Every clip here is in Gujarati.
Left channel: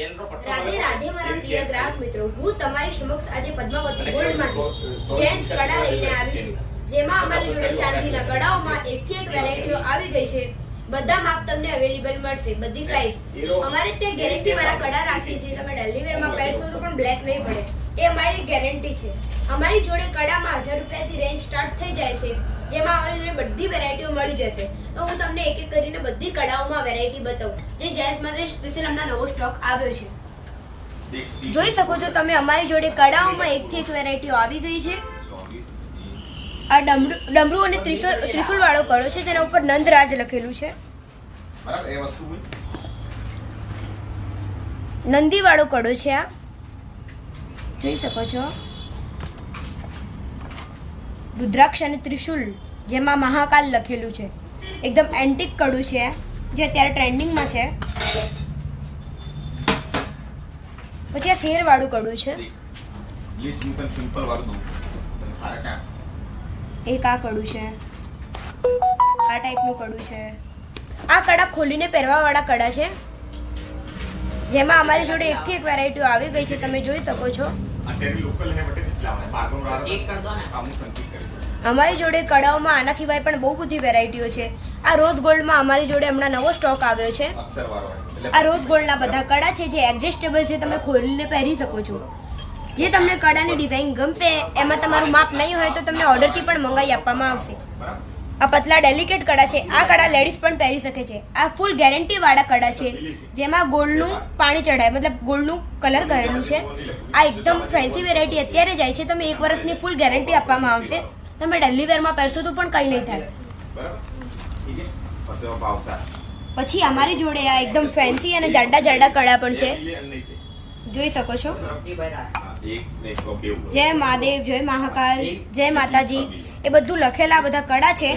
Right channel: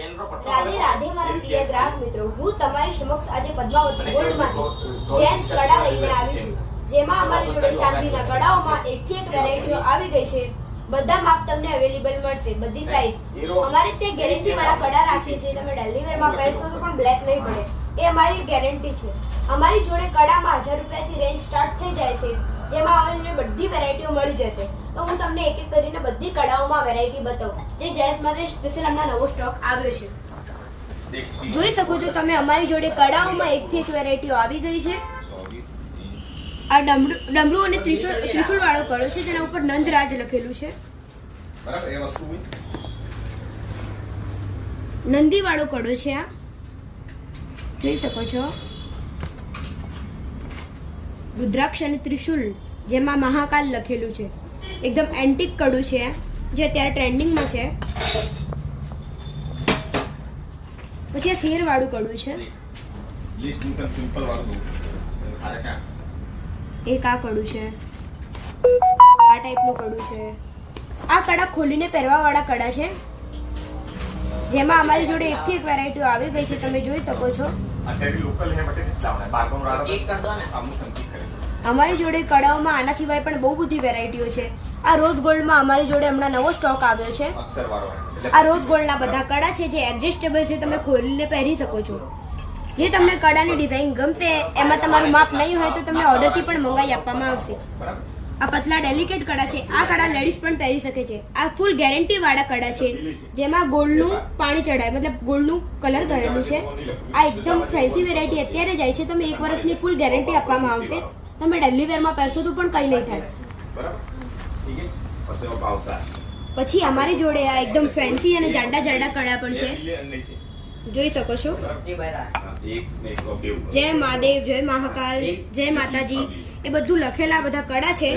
રાધે રાધે મારા પ્રિય ગ્રાહક મિત્રો, હું તમારી સમક્ષ આજે પદ્માવતી ગોલ્ડમાંથી જેન્ટ્સ કડા લઈને આવી છું, જેમાં અમારી જોડે ચાંદીના કડાઓમાં એકથી એક વેરાયટીઓ આવી ગઈ છે. બધા માપ તમને અવેલેબલ મળશે, બધી સાઈઝ. અમારે તે ગેરંટી વાળા કડા રાખીએ છીએ, તમે ડેલી વેરમાં પહેરશો તો પણ બ્લેક નહીં પડે, એ અમારી ગેરંટી છે. અમારી જોડે કડામાં 1000 રૂપિયાથી રેન્જ સ્ટાર્ટ થઈ જાય છે, જેમાં અમારી જોડે બધી વેરાયટીઓ મળી જશે. તો હું તમને એક એક કરીને બધી કડાઓમાં વેરાયટી બતાવું, જે જેન્ટ્સ માટે સ્પેશિયલ હમણાં નવો સ્ટોક આવ્યો છે. જોઈ શકો છો તમે, અમારી જોડે કડાઓમાં એકથી એક વેરાયટીઓ આવી ગઈ છે. આ ડમરૂ અને ત્રિશુલ વાળો કડો છે, તેના ઉપર નંદરાજ લખેલું છે. નંદી વાળો કડો છે, આ જોઈ શકો છો. રુદ્રાક્ષ અને ત્રિશુલ, જેમાં મહાકાલ લખેલું છે. એકદમ એન્ટિક કડું છે, જે અત્યારે ટ્રેન્ડિંગમાં છે. પછી આ શેર વાળું કડું છે. એક આ કડું છે, આ ટાઈપનું કડું છે. આ કડા ખોલીને પહેરવા વાળા કડા છે, જેમાં અમારી જોડે એકથી એક વેરાયટીઓ આવી ગઈ છે, તમે જોઈ શકો છો. અમારી જોડે કડાઓમાં આના સિવાય પણ બહુ બધી વેરાયટીઓ છે. આ રોઝ ગોલ્ડમાં અમારી જોડે હમણાં નવો સ્ટોક આવ્યો છે. આ રોઝ ગોલ્ડના બધા કડા છે, જે એડજસ્ટેબલ છે, તમે ખોલીને પહેરી શકો છો. જે તમને કડાની ડિઝાઇન ગમશે, એમાં તમારું માપ નહીં હોય તો તમને ઓર્ડરથી પણ મંગાવી આપવામાં આવશે. આ પતલા ડેલિકેટ કડા છે. આ કડા લેડીઝ પણ પહેરી શકે છે. આ ફૂલ ગેરંટી વાળા કડા છે, જેમાં ગોલ્ડનું પાણી ચડાય, મતલબ ગોલ્ડનું કલર કરેલું છે. આ એકદમ ફેન્સી વેરાયટી અત્યારે જાય છે. તમે 1 વર્ષની ફૂલ ગેરંટી આપવામાં આવશે. તમે ડેલી વેરમાં પહેરશો તો પણ કંઈ નહીં થાય. પછી અમારી જોડે આ એકદમ ફેન્સી અને જાડા જાડા કડા પણ છે, જોઈ શકો છો. જય મહાદેવ, જય મહાકાલ, જય માતાજી, એ બધું લખેલા બધા કડા છે.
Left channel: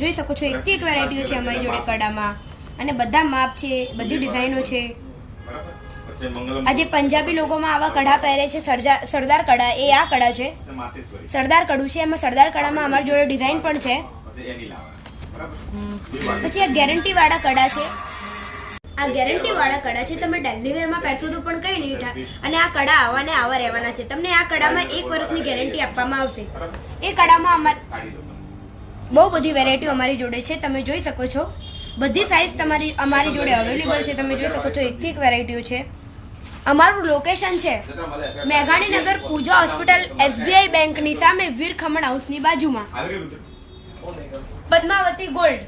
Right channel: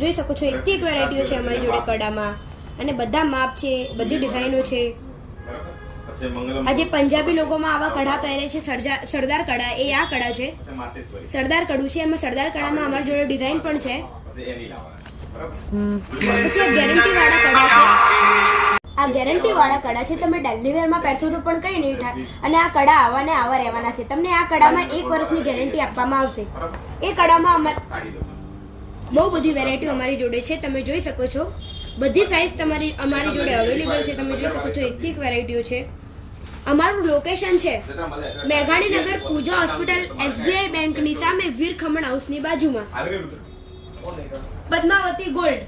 જોઈ શકો છો, એકથી એક વેરાયટીઓ છે અમારી જોડે કડામાં, અને બધા માપ છે, બધી ડિઝાઇનો છે. આજે પંજાબી લોકોમાં આવા કડા પહેરે છે, સરદાર કડા, એ આ કડા છે. સરદાર કડું છે, એમાં સરદાર કડામાં અમારી જોડે ડિઝાઇન પણ છે. પછી ગેરંટી વાળા કડા છે. આ ગેરંટી વાળા કડા છે, તમે ડેલી વેરમાં પહેરશો તો પણ કંઈ નહીં થાય, અને આ કડા આવા ને આવા રહેવાના છે. તમને આ કડામાં 1 વર્ષની ગેરંટી આપવામાં આવશે. એ કડામાં બહુ બધી વેરાયટીઓ અમારી જોડે છે, તમે જોઈ શકો છો. બધી સાઈઝ અમારી જોડે અવેલેબલ છે, તમે જોઈ શકો છો. એકથી એક વેરાયટીઓ છે. અમારું લોકેશન છે મેઘાણીનગર, પૂજા હોસ્પિટલ, SBI બેંકની સામે, વીર ખમણ હાઉસની બાજુમાં. પદ્માવતી ગોલ્ડ.